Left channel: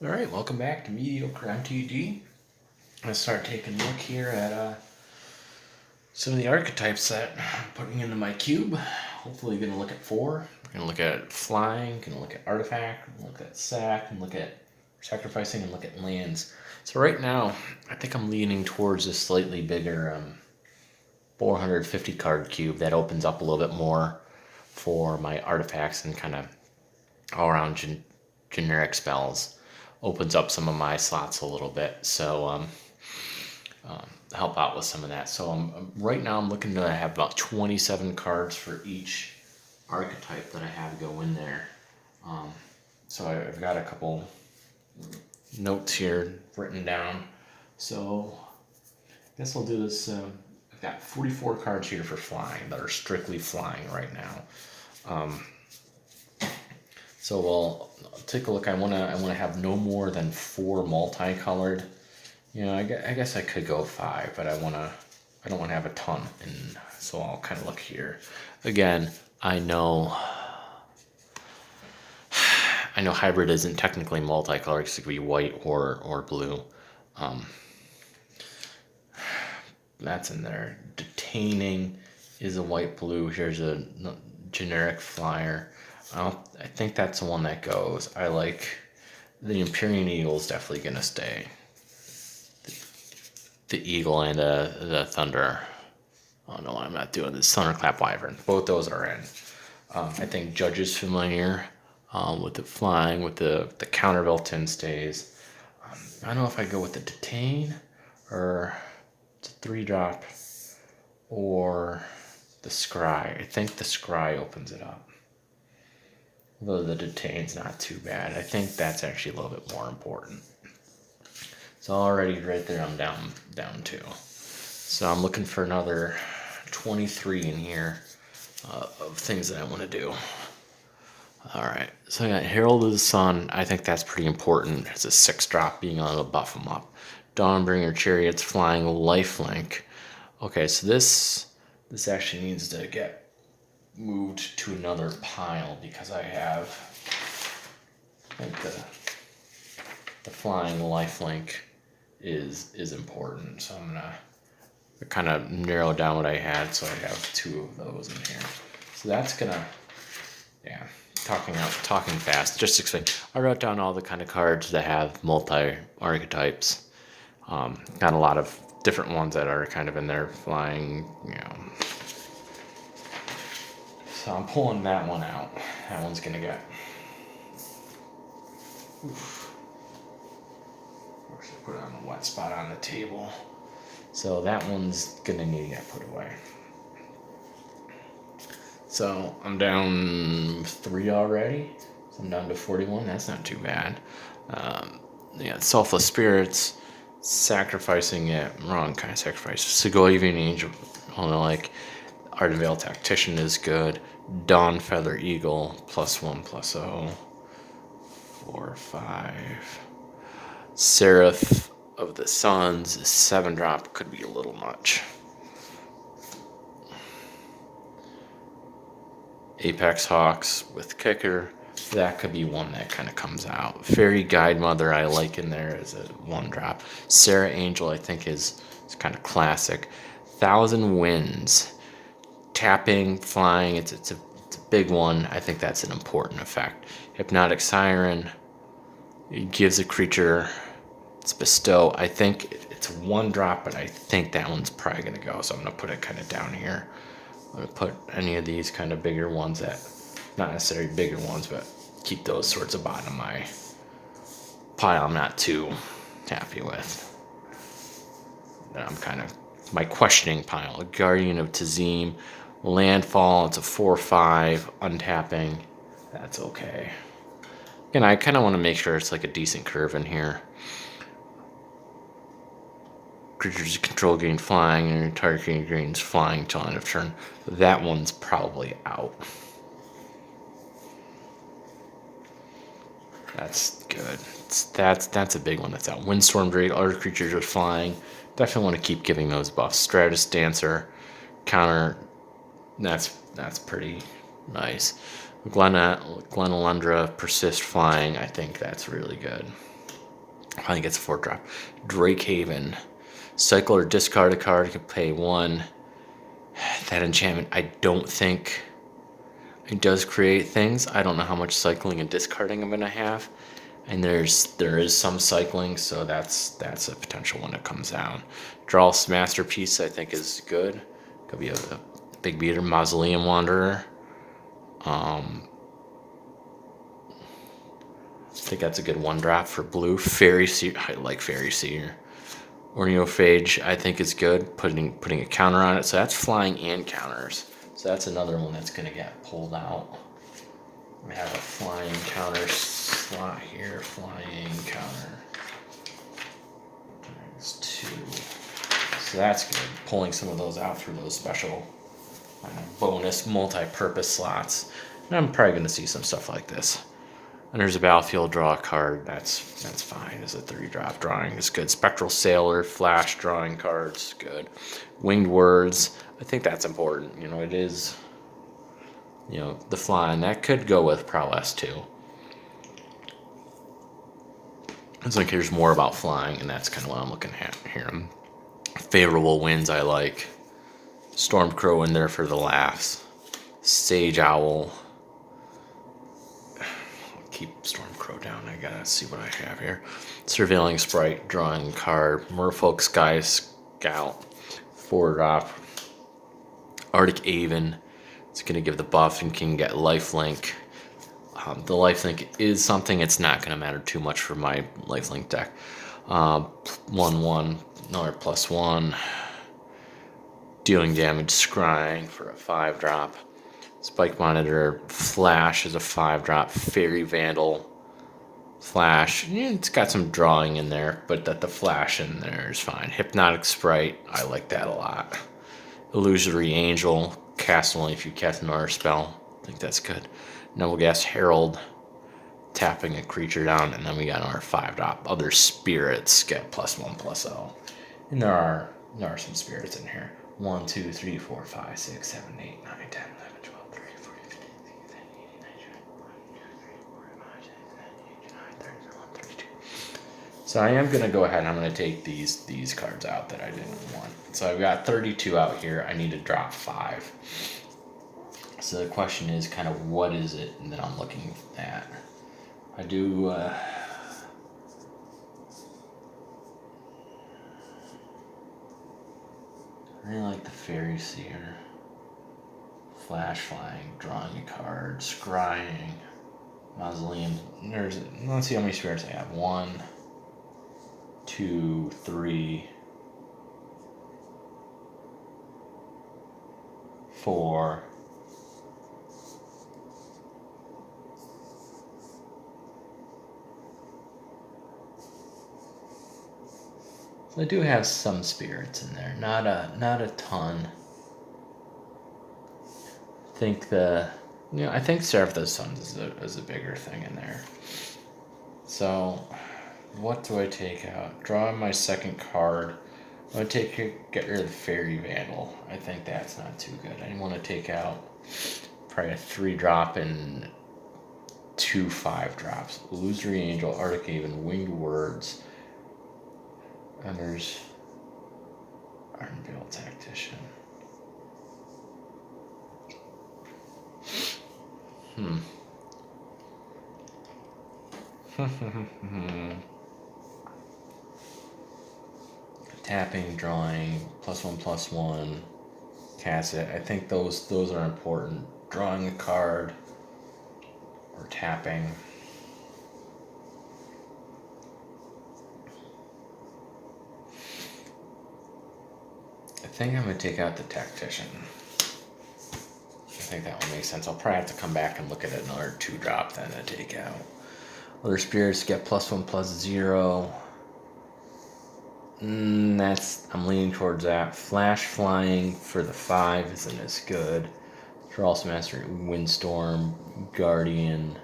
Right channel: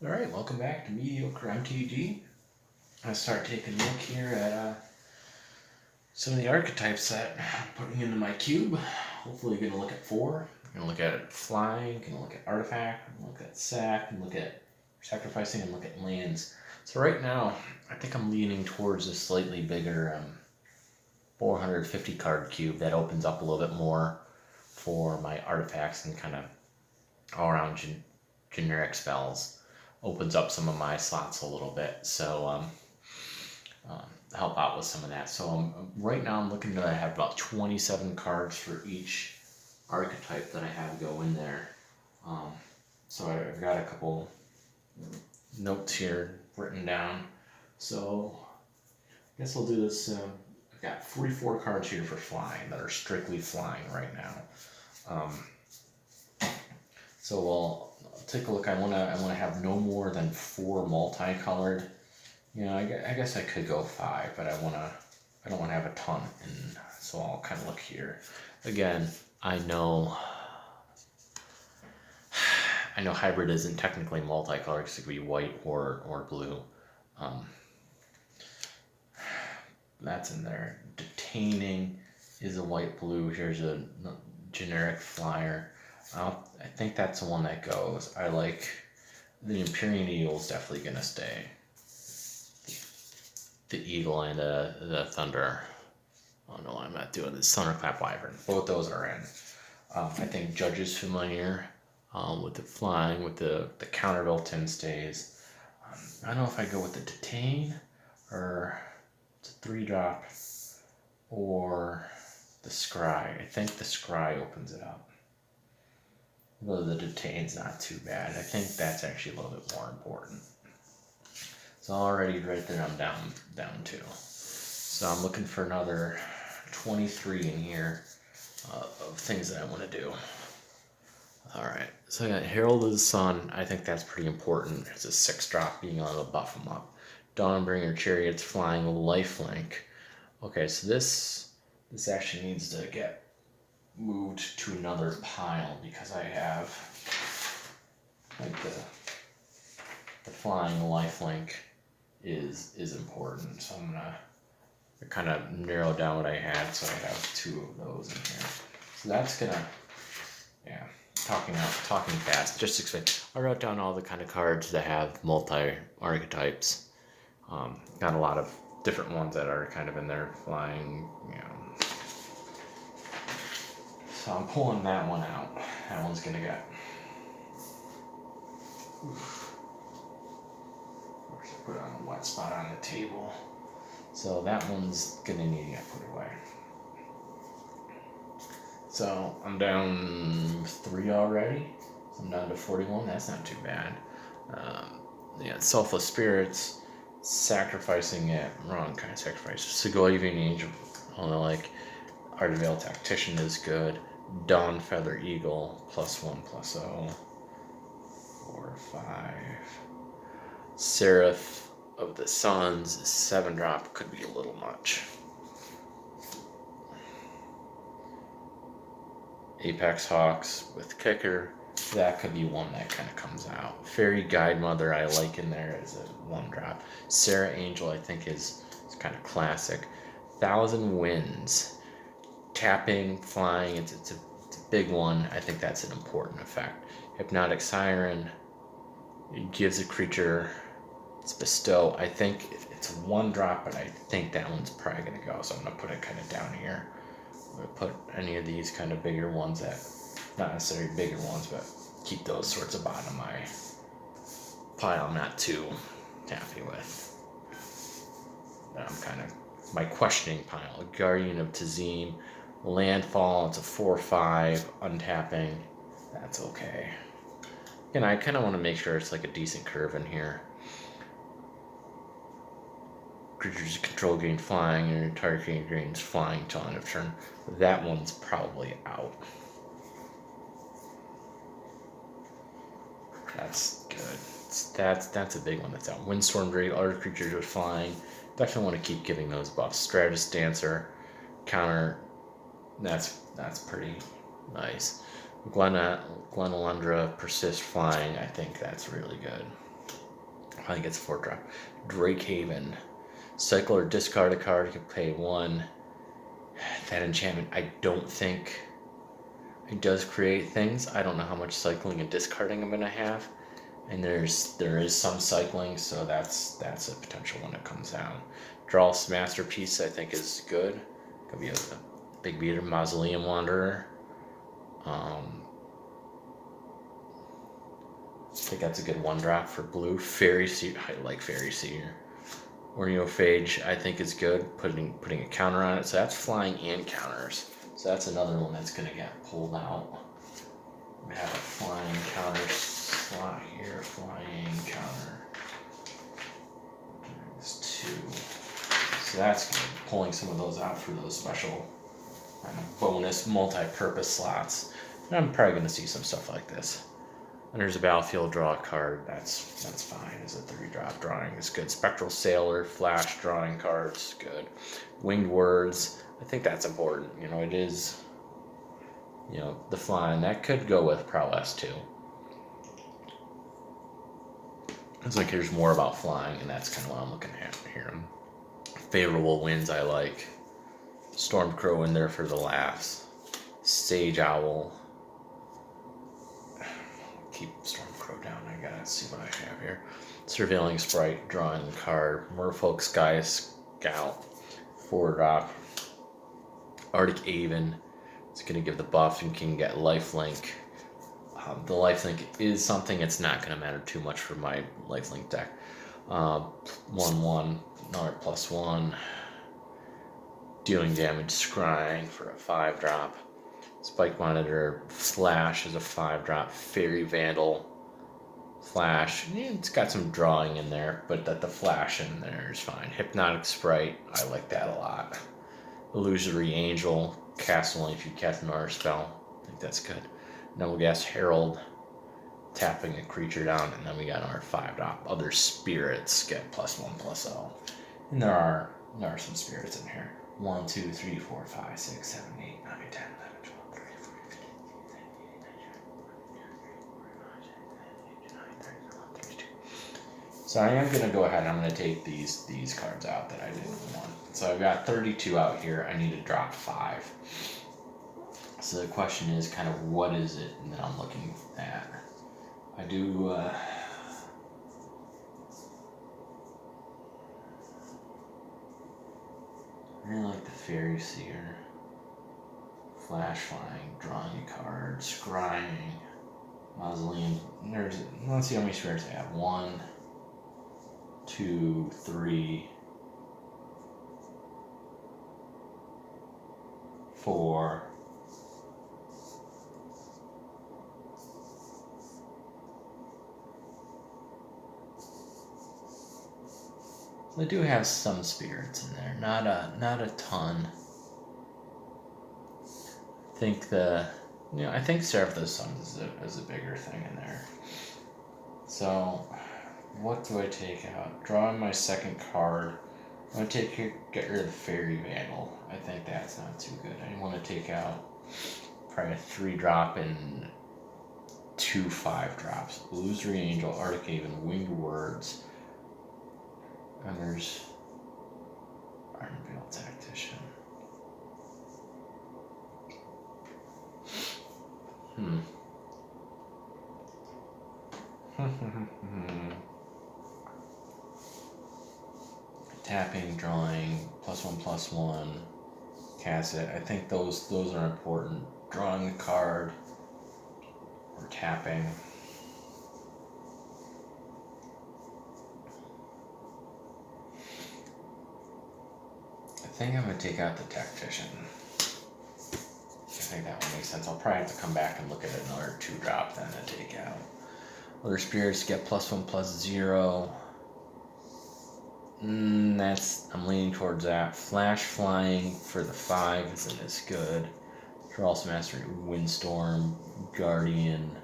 All right, welcome back to Mediocre MTG. I'm gonna start taking a look here at some of the archetypes that I'm putting into my cube. Hopefully, gonna look at four. Gonna look at flying. Gonna look at artifact. Gonna look at sack. And look at sacrificing. And look at lands. So right now, I think I'm leaning towards a slightly bigger 450 card cube that opens up a little bit more for my artifacts and kind of all around generic spells. Opens up some of my slots a little bit, so help out with some of that. So right now I'm looking to have about 27 cards for each archetype that I have go in there. So I've got a couple notes here written down. So I guess I'll do this. I've got 44 cards here for flying that are strictly flying right now. So we'll take a look. I want to have no more than 4 multicolored. You know, I guess I could go 5, but I don't want to have a ton. And so I'll kind of look here. Again, I know hybrid isn't technically multicolored because it could be white or blue. That's in there. Detaining is a white blue. Here's a generic flyer. I think that's the one that goes. I like the Empyrean Eagle is definitely gonna stay. The Eagle and the Thunder. Oh no, I'm not doing this. Thunderclap Wyvern. Both those are in. I think Judge's familiar with the flying, with the countervail stays. I don't know if I go with the Detain or it's a 3-drop or the Scry. I think the Scry opens it up. Though the Detain's not too bad. I think that's actually a little bit more important. So already right there I'm down 2. So I'm looking for another 23 in here of things that I want to do. Alright, so I got Herald of the Sun. I think that's pretty important. It's a 6-drop being able to buff them up. Dawnbringer Chariots, Flying, Lifelink. Okay, so this actually needs to get moved to another pile because I have like the flying lifelink is important. So I'm gonna kind of narrow down what I had, so I have 2 of those in here. So that's gonna, yeah, talking fast. Just explain. I wrote down all the kind of cards that have multi archetypes. Got a lot of different ones that are kind of in there flying, you know. So I'm pulling that one out. That one's gonna get. Oof. Or should I put it on a wet spot on the table? So that one's gonna need to get put away. So I'm down 3 already. So I'm down to 41. That's not too bad. Yeah, Selfless Spirits, sacrificing it. Wrong kind of sacrifice. Segovian Angel, like Art of Veil Tactician is good. Dawn Feather Eagle, +1/+0. 4, 5. Seraph of the Suns, 7-drop could be a little much. Apex Hawks with Kicker, that could be one that kind of comes out. Fairy Guide Mother I like in there as a 1-drop. Sarah Angel I think is kind of classic. Thousand Winds, tapping, flying, it's a big one. I think that's an important effect. Hypnotic Siren, it gives a creature its bestow. I think it's a 1-drop, but I think that one's probably gonna go, so I'm gonna put it kind of down here. I'm gonna put any of these kind of bigger ones that, not necessarily bigger ones, but keep those sorts of bottom of my pile I'm not too happy with. That I'm kind of my questioning pile. Guardian of Tazim, Landfall, it's a 4/5, untapping. That's okay. Again, I kind of want to make sure it's like a decent curve in here. Creatures you control gain flying, and your target gains flying till end of turn. That one's probably out. That's good. That's a big one that's out. Windstorm Drake, other creatures with flying. Definitely want to keep giving those buffs. Stratus Dancer, counter. That's pretty nice. Glenalundra, persist flying. I think that's really good. I think it's a 4-drop. Drake Haven. Cycle or discard a card. You can pay 1. That enchantment, I don't think it does create things. I don't know how much cycling and discarding I'm going to have. And there is some cycling, so that's a potential one that comes down. Draw's Masterpiece, I think, is good. Could be a big beater. Mausoleum Wanderer. I think that's a good 1-drop for blue. Fairy Seer, I like Fairy Seer. Orneophage, I think is good. Putting a counter on it, so that's flying and counters. So that's another one that's gonna get pulled out. We have a flying counter slot here. Flying counter. There's 2. So that's good. Pulling some of those out through those special bonus multi-purpose slots. And I'm probably going to see some stuff like this. And there's a battlefield, draw a card. That's fine. Is a 3-drop drawing is good. Spectral Sailor, flash drawing cards, good. Winged Words, I think that's important. It is, the flying. That could go with Prowess too. It's like there's more about flying, and that's kind of what I'm looking at here. Favorable Winds I like. Stormcrow in there for the laughs. Sage Owl. Keep Stormcrow down. I gotta see what I have here. Surveilling Sprite, drawing card. Merfolk Sky Scout, 4-drop. Arctic Aven. It's gonna give the buff and can get lifelink. The lifelink is something. It's not gonna matter too much for my lifelink deck. 1/1, another +1. Dealing damage, scrying for a 5-drop. Spike Monitor, flash is a 5-drop. Fairy Vandal, flash. It's got some drawing in there, but the flash in there is fine. Hypnotic Sprite, I like that a lot. Illusory Angel, cast only if you cast another spell. I think that's good. Noblegas Herald, tapping a creature down, and then we got our 5-drop. Other spirits get +1/+0. And there are some spirits in here. 1, 2, 3, 4, 5, 6, 7, 8, 9, 10, 11, 12, 13, 14, 15, 16, 17, 18, 19, 20, 21, 22. So I am going to go ahead and I'm going to take these cards out that I didn't want. So I've got 32 out here. I need to drop 5. So the question is kind of what is it that I'm looking at? I do... I really like the Fairy Seer. Flash flying, drawing a card, scrying, Mausoleum. Let's see how many spirits I have. 1, 2, 3, 4. I do have some spirits in there, not a ton. I think I think Seraph the Suns is a bigger thing in there. So, what do I take out? Draw my second card. I'm gonna get rid of the Fairy Vandal. I think that's not too good. I want to take out probably a 3-drop and 2 5-drops. Illusory Angel, Arctic Haven, Winged Words. And there's Ironveil Tactician. Tapping, drawing, +1/+1, cast it. I think those are important. Drawing a card or tapping. I think I'm going to take out the Tactician. I think that would make sense. I'll probably have to come back and look at another 2-drop then to take out. Other spirits get +1/+0. I'm leaning towards that. Flash flying for the 5 isn't as good. Thrall's Master, Windstorm, Guardian,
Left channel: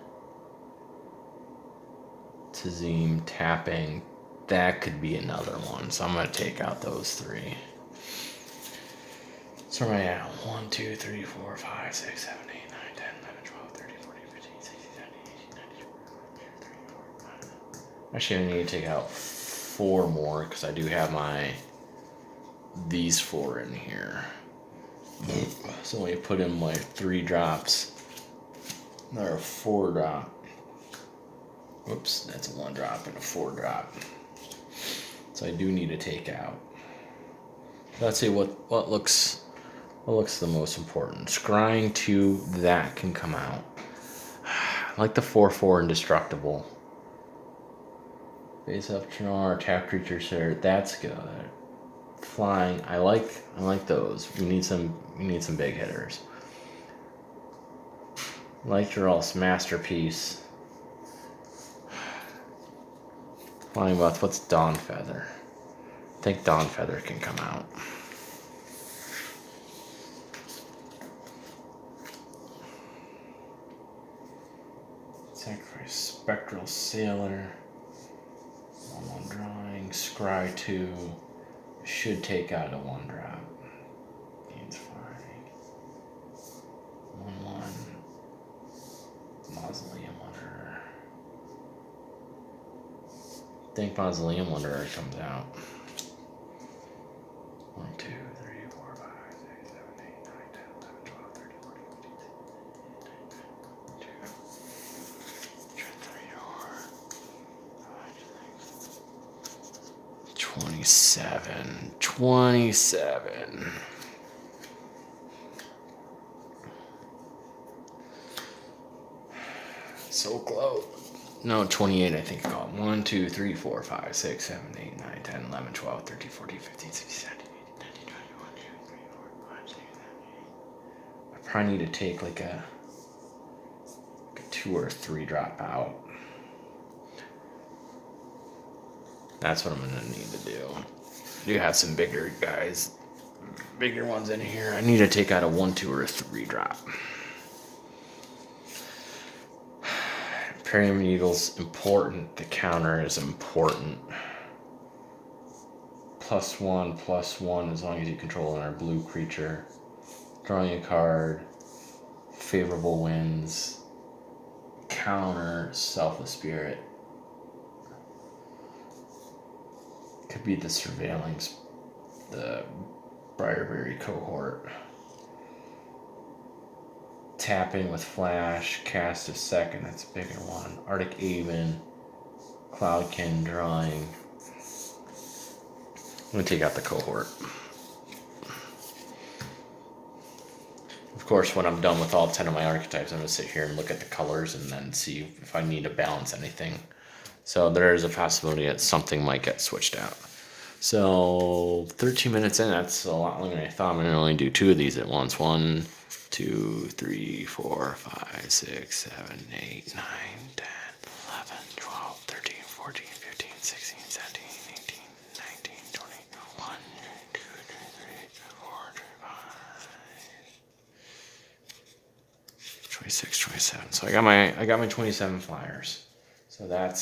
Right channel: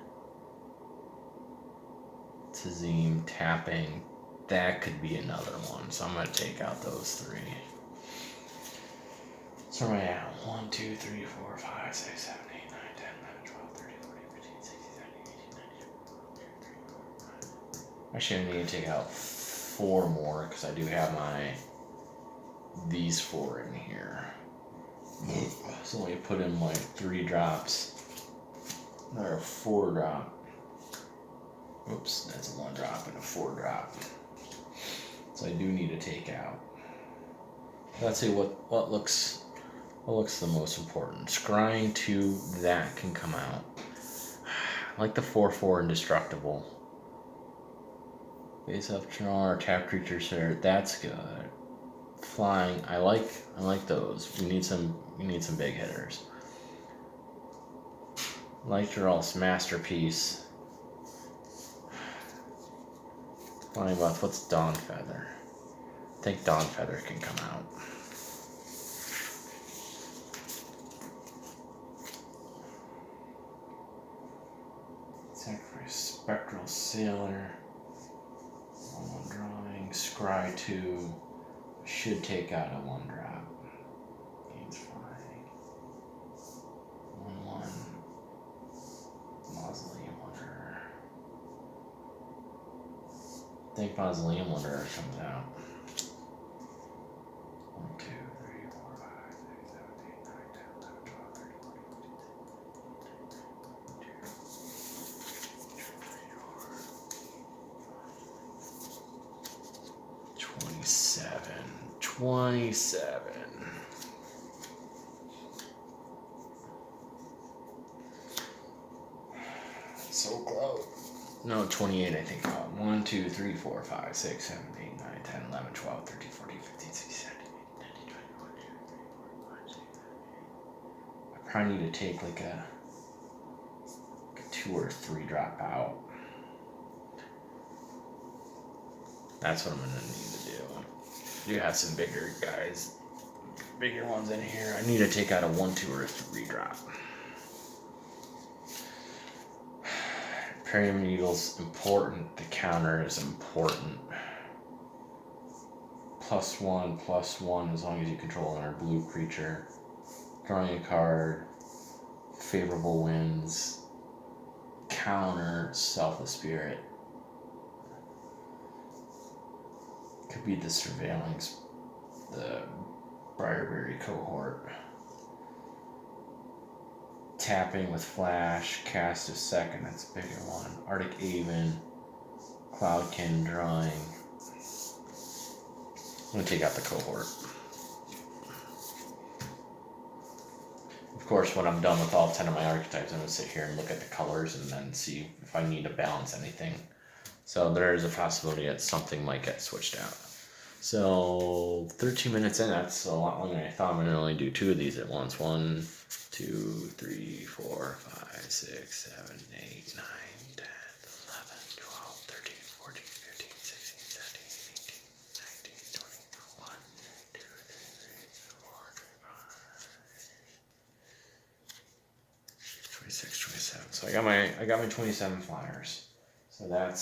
Tazim, tapping. That could be another one. So I'm going to take out those 3. So right now, 1, 2, 3, 4, 5, 6, 7, 8, 9, 10, 11, 12, 13, 14, 15, 16, 17, 18, 19, 20, Actually, I need to take out 4 more because I do have these 4 in here. So we put in my 3 drops. They're a 4 drop. Oops, that's a 1 drop and a 4 drop. So I do need to take out. Let's see what looks the most important. Scrying 2, that can come out. I like the 4/4 indestructible. Face up Char, tap creatures here. That's good. Flying, I like those. You need some big hitters. Lytral's masterpiece. Flying Buff, what's Dawn Feather? I think Dawn Feather can come out. Sacrifice Spectral Sailor. 1 drawing. Scry 2. Should take out a 1 drop. Gains flying. 1/1. Mausoleum Wanderer. I think Mausoleum Wanderer comes out. 1, 2, 3, 4, 5, 6, 7, 8, 9, 10, 11, 12, 13, 14, 15, 16, 27. So close. No, 28, I think. 1, 2, 3, 4, 5, 6, 7, 8, 9, 10, 11, 12, 13, 14, 15, 16, 17, 18, 19, 20, 21, 22, 23, 24, 25, 26, 27, 28. I probably need to take like a 2 or 3 drop out. That's what I'm going to need to do. You have some bigger guys, bigger ones in here. I need to take out a 1, 2, or a 3 drop. Pyramid Eagle's important. The counter is important. +1/+1 as long as you control our blue creature. Drawing a card. Favorable wins. Counter Selfless Spirit. Could be the Surveillance, the Briarberry cohort. Tapping with Flash, cast a second, that's a bigger one. Arctic Aven, Cloudkin, drawing. I'm going to take out the cohort. Of course, when I'm done with all 10 of my archetypes, I'm going to sit here and look at the colors and then see if I need to balance anything. So there is a possibility that something might get switched out. So 13 minutes in, that's a lot longer than I thought. I'm going to only do 2 of these at once. 1, 2, 3, 4, 5, 6, 7, 8, 9, 10, 11, 12, 13, 14, 15, 16, 17, 18, 19, 20, 1, 2, 3, 4, 5, 26, 27. So I got my 27 flyers. So that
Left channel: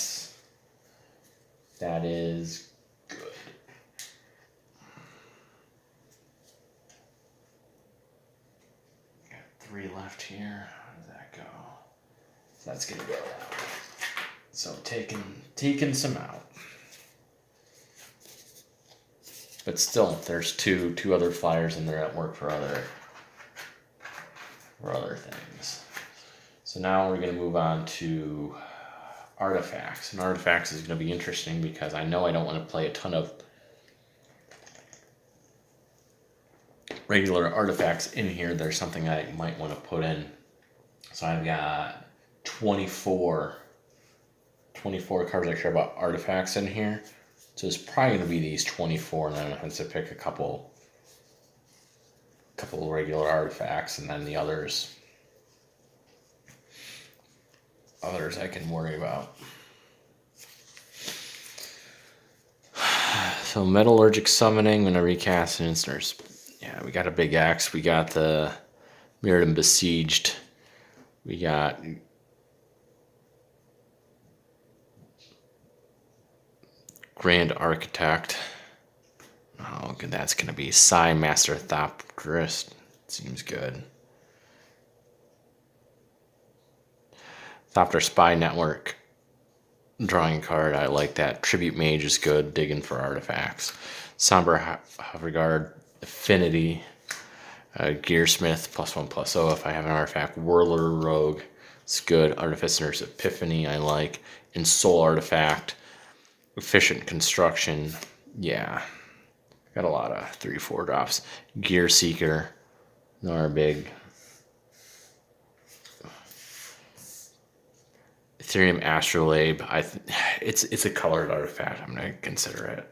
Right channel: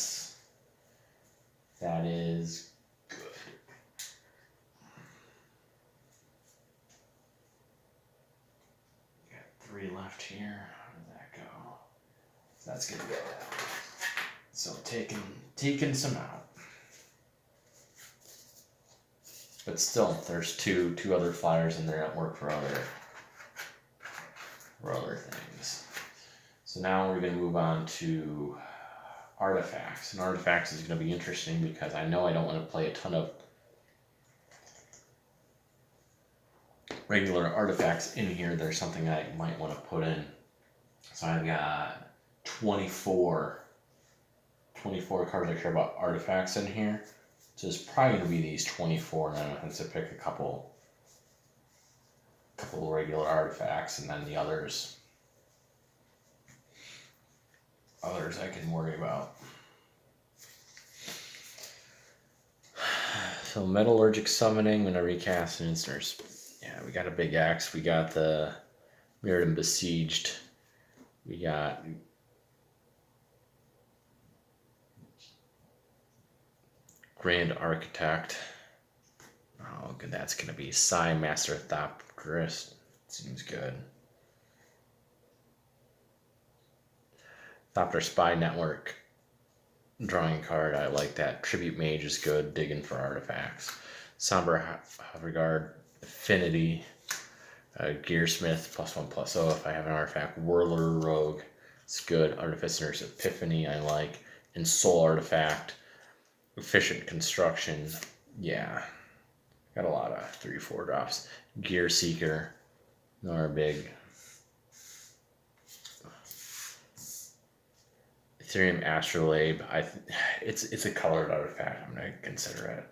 is good. Got 3 left here. How did that go? So that's gonna go that way. So taking some out. But still, there's two other flyers in there that work for other things. So now we're gonna move on to artifacts. And artifacts is going to be interesting because I know I don't want to play a ton of regular artifacts in here. There's something I might want to put in. So I've got 24 cards I care about artifacts in here. So it's probably going to be these 24, and then I have to pick a couple regular artifacts, and then the others I can worry about. So Metallurgic Summoning, I'm going to recast an instance. Yeah, we got a big axe. We got the Mirrodin Besieged. We got Grand Architect. Oh, that's going to be Psy Master Thopterist. Seems good. Thopter Spy Network. drawing card. I like that. Tribute Mage is good. Digging for artifacts. Somber Regard, Affinity, Gearsmith, +1/+0 if I have an artifact. Whirler Rogue, it's good. Artificer's Epiphany, I like. And Soul Artifact, Efficient Construction, yeah. Got a lot of 3/4 drops. Gear Seeker, Narbig. Ethereum Astrolabe, it's a colored artifact. I'm gonna consider it.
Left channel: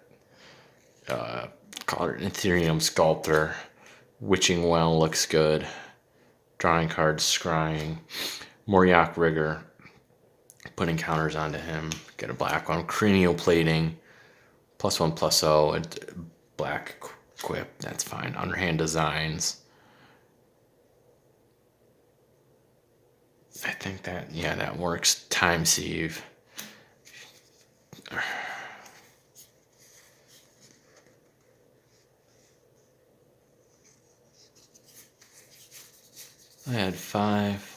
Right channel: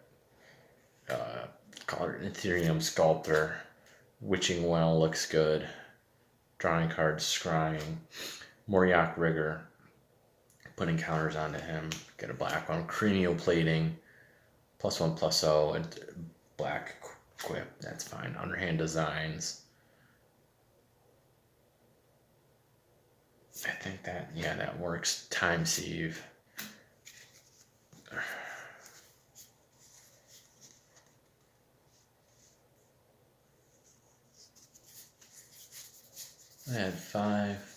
Colored Ethereum Sculptor, Witching Well looks good. Drawing cards, Scrying. Moriok Rigger, putting counters onto him. Get a black one. Cranioplating, +1/+0. Black Quip, that's fine. Underhand Designs. I think that, yeah, that works. Time Sieve. I had 5.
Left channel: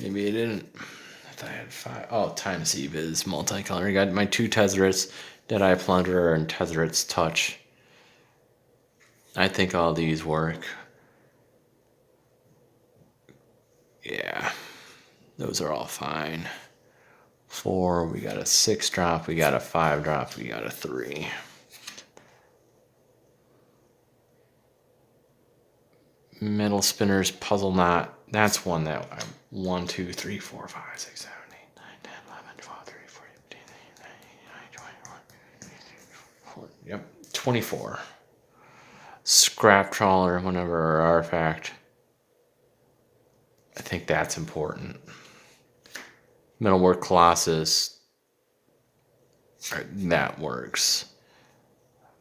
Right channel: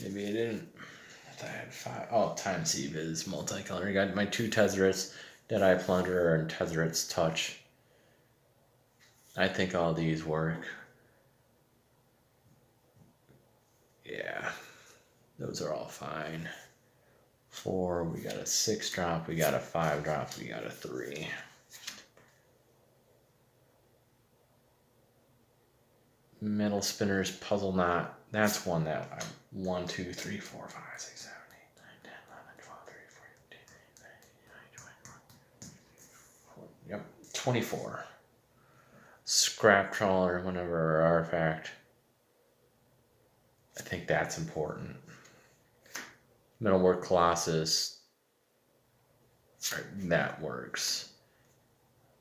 Maybe I didn't. I thought I had 5. Oh, Time Sieve is multicolor. I got my 2 Tezzerets, Deadeye Plunderer, and Tezzeret's Touch. I think all these work. Yeah, those are all fine. 4, we got a 6-drop, we got a 5-drop, we got a 3. Metal Spinners, Puzzle Knot. That's one that 1, 2, 3, 4, 5, 6, 7, 8, 9, 10, 11, 12, 13, 14, 15, 16, 17, 18, 19, 20, 21. Yep, 24. Scrap Trawler, whenever artifact. I think that's important. Metalwork Colossus. That works.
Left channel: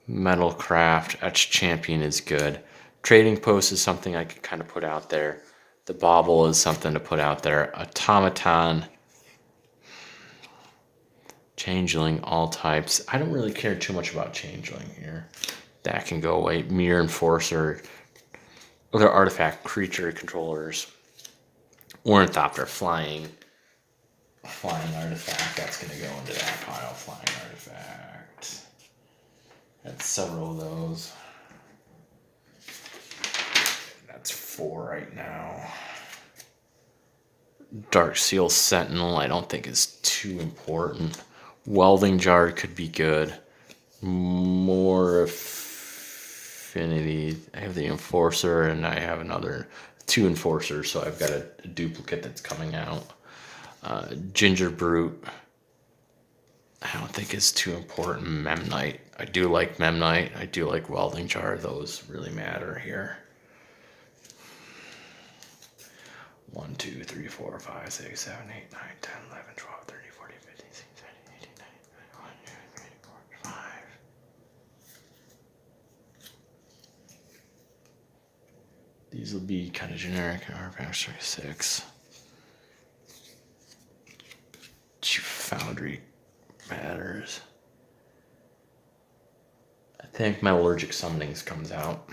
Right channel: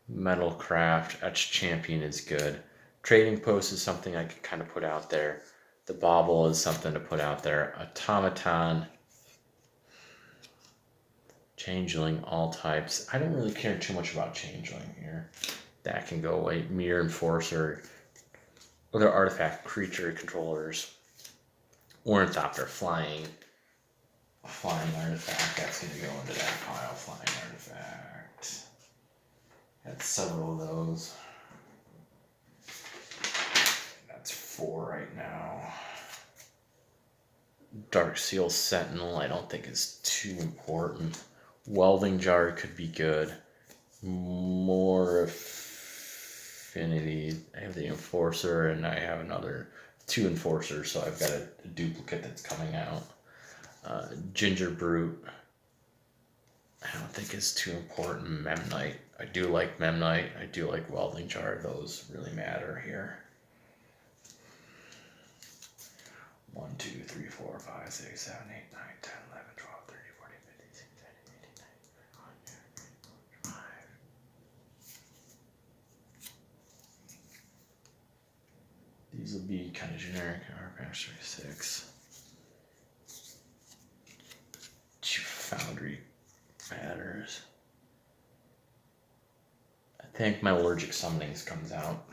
Metal Craft, Etch Champion is good. Trading Post is something I could kind of put out there. The Bauble is something to put out there. Automaton. Changeling, all types. I don't really care too much about Changeling here. That can go away. Mirror Enforcer. Other artifact creature controllers. Ornithopter, flying artifact. That's going to go into that pile. Flying artifact. Got several of those. That's 4 right now. Dark Seal Sentinel, I don't think is too important. Welding Jar could be good. More Affinity. I have the Enforcer, and I have another 2 Enforcers, so I've got a duplicate that's coming out. Ginger Brute, I don't think is too important. Memnite, I do like Memnite. I do like Welding Jar. Those really matter here. 1, 2, 3, 4, 5, 6, 7, 8, 9, 10, 11, 12, 13, 14, 15, 16, 17, 18, 19, 20, 21, 22, 23, 24, 25. These will be kind of generic. Artifacts 6. Foundry matters. I think Metallurgic Summonings comes out.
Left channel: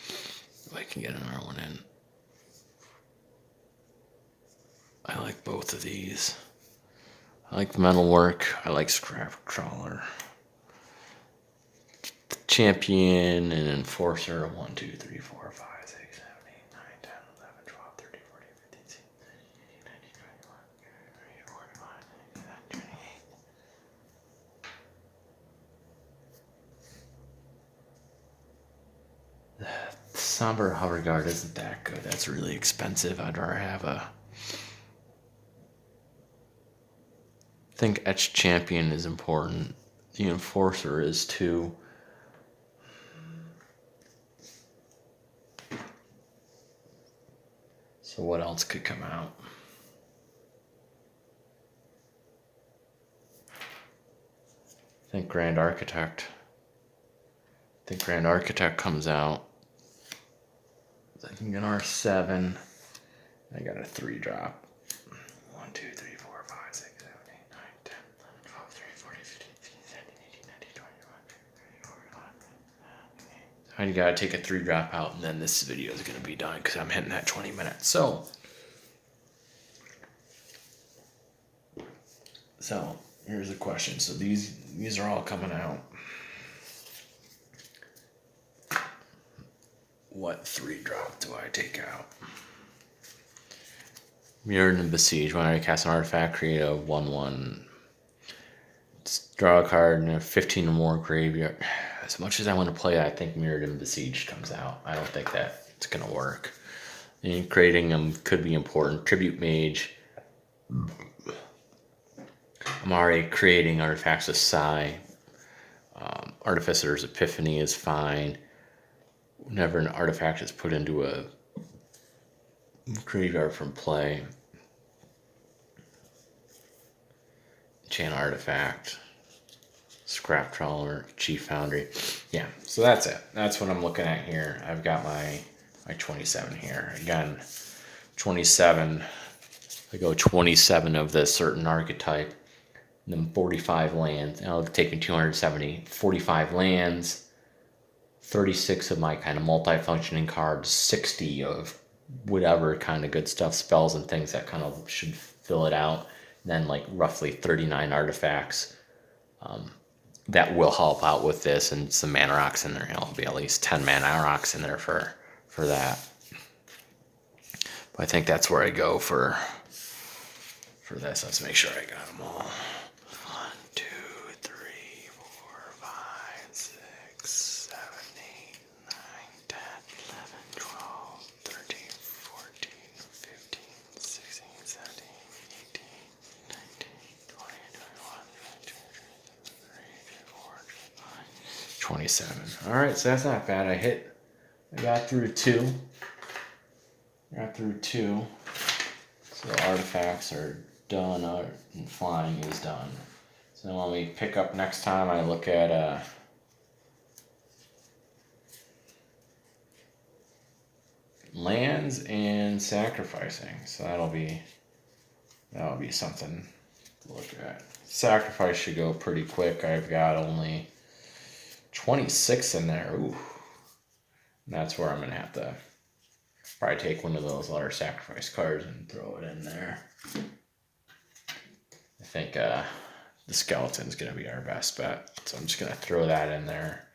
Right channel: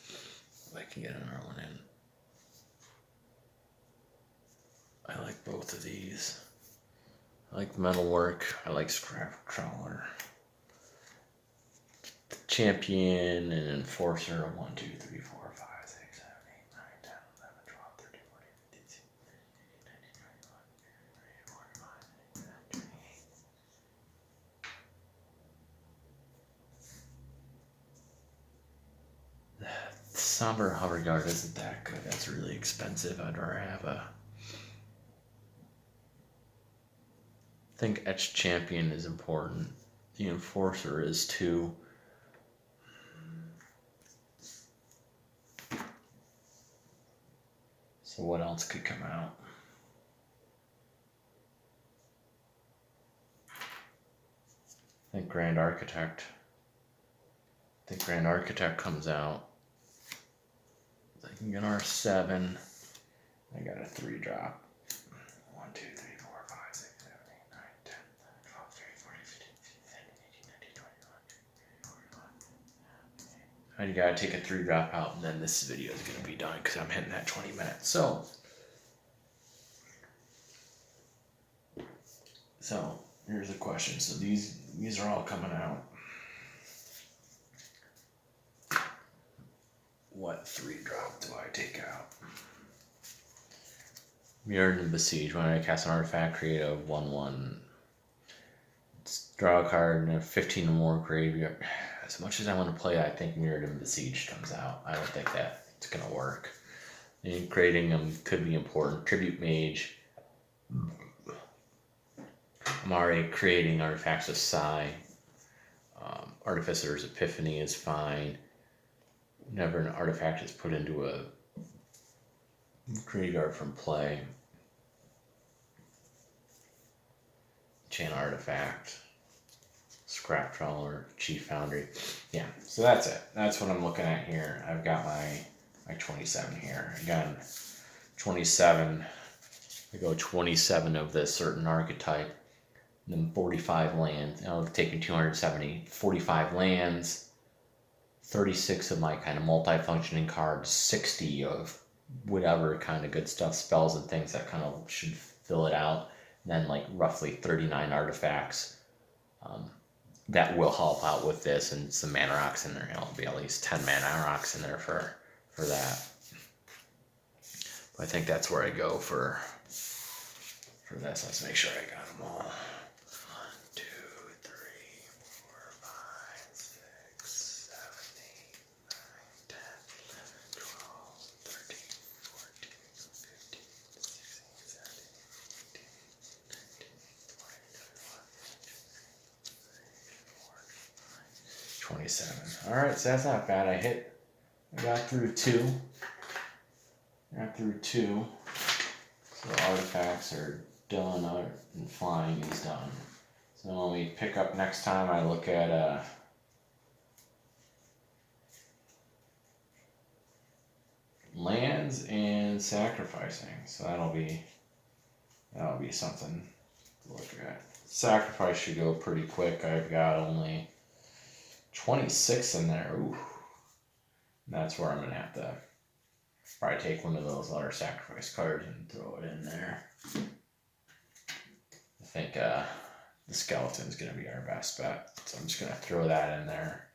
If I can get another one in. I like both of these. I like Metalwork. I like Scrap Trawler. Champion and Enforcer. 1, 2, 3, 4, 5, 6, 7, 8, 9, 10, 11, 12, 13, 14, 15, 16, 17, 18, 19, 20, 21, 22, 23, 28. The Somber Hover Guard isn't that good. That's really expensive. I'd rather have a... I think Etch Champion is important. The Enforcer is too. So what else could come out? I think Grand Architect. Comes out. I can get R7. I got a 3-drop. 1, 2, 3, 4, 5, 6, 7, 8, 9, 10, 11, 12, 13, 14, 15, 16, 17, 18, 19, 20, 21. I gotta take a 3-drop out, and then this video is gonna be done because I'm hitting that 20 minutes. So So here's the question. So these are all coming out. What 3-drop do I take out? Mirrored and Besiege. When I cast an artifact, create a 1/1. Draw a card and a 15 or more graveyard. As much as I want to play it, I think Mirrored and Besieged comes out. I don't think that's going to work. And creating them could be important. Tribute Mage. I'm already creating artifacts of Psi. Artificer's Epiphany is fine. Whenever an artifact is put into a graveyard from play. Enchant Artifact. Scrap Trawler, Chief Foundry. Yeah, so that's it. That's what I'm looking at here. I've got my 27 here. Again, 27. I go 27 of this certain archetype. And then 45 lands. And I've taken 270. 45 lands. 36 of my kind of multi-functioning cards. 60 of whatever kind of good stuff, spells and things that kind of should fill it out. And then like roughly 39 artifacts. That will help out with this, and some mana rocks in there. There'll be at least 10 mana rocks in there for that. But I think that's where I go for this. Let's make sure I got them all. 1, 2, 3, 4, 5, 6, 7, 8, 9, 10, 11, 12, 13, 14, 15, 16, 17, 18, 19, 20, 27. All right, so that's not bad. I got through two. So the artifacts are done, and flying is done. So when we pick up next time, I look at lands and sacrificing. So that'll be something to look at. Sacrifice should go pretty quick. I've got only 26 in there. Ooh. And that's where I'm going to have to probably take one of those other sacrifice cards and throw it in there. I think the skeleton's going to be our best bet. So I'm just going to throw that in there.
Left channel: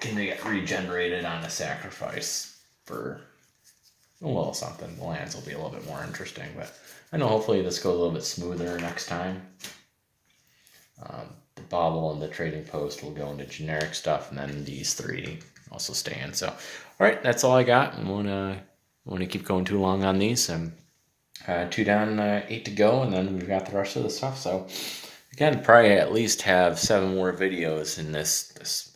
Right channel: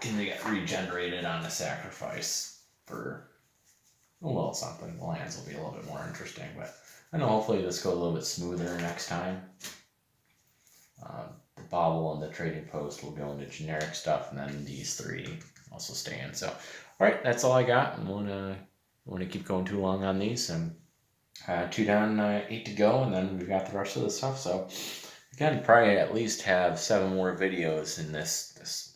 Can they get regenerated on a sacrifice for a little something? The lands will be a little bit more interesting, but I know hopefully this goes a little bit smoother next time. The bobble and the trading post will go into generic stuff, and then these three also stay in. So, all right, that's all I got. And want to keep going too long on these. I'm 2 down, 8 to go, and then we've got the rest of the stuff. So, again, probably at least have 7 more videos in this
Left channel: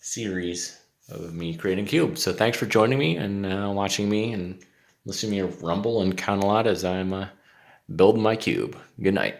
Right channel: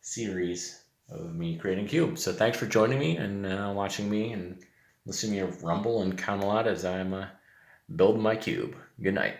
series of me creating cubes. So, thanks for joining me and watching me and listening to me rumble and count a lot as I'm building my cube. Good night.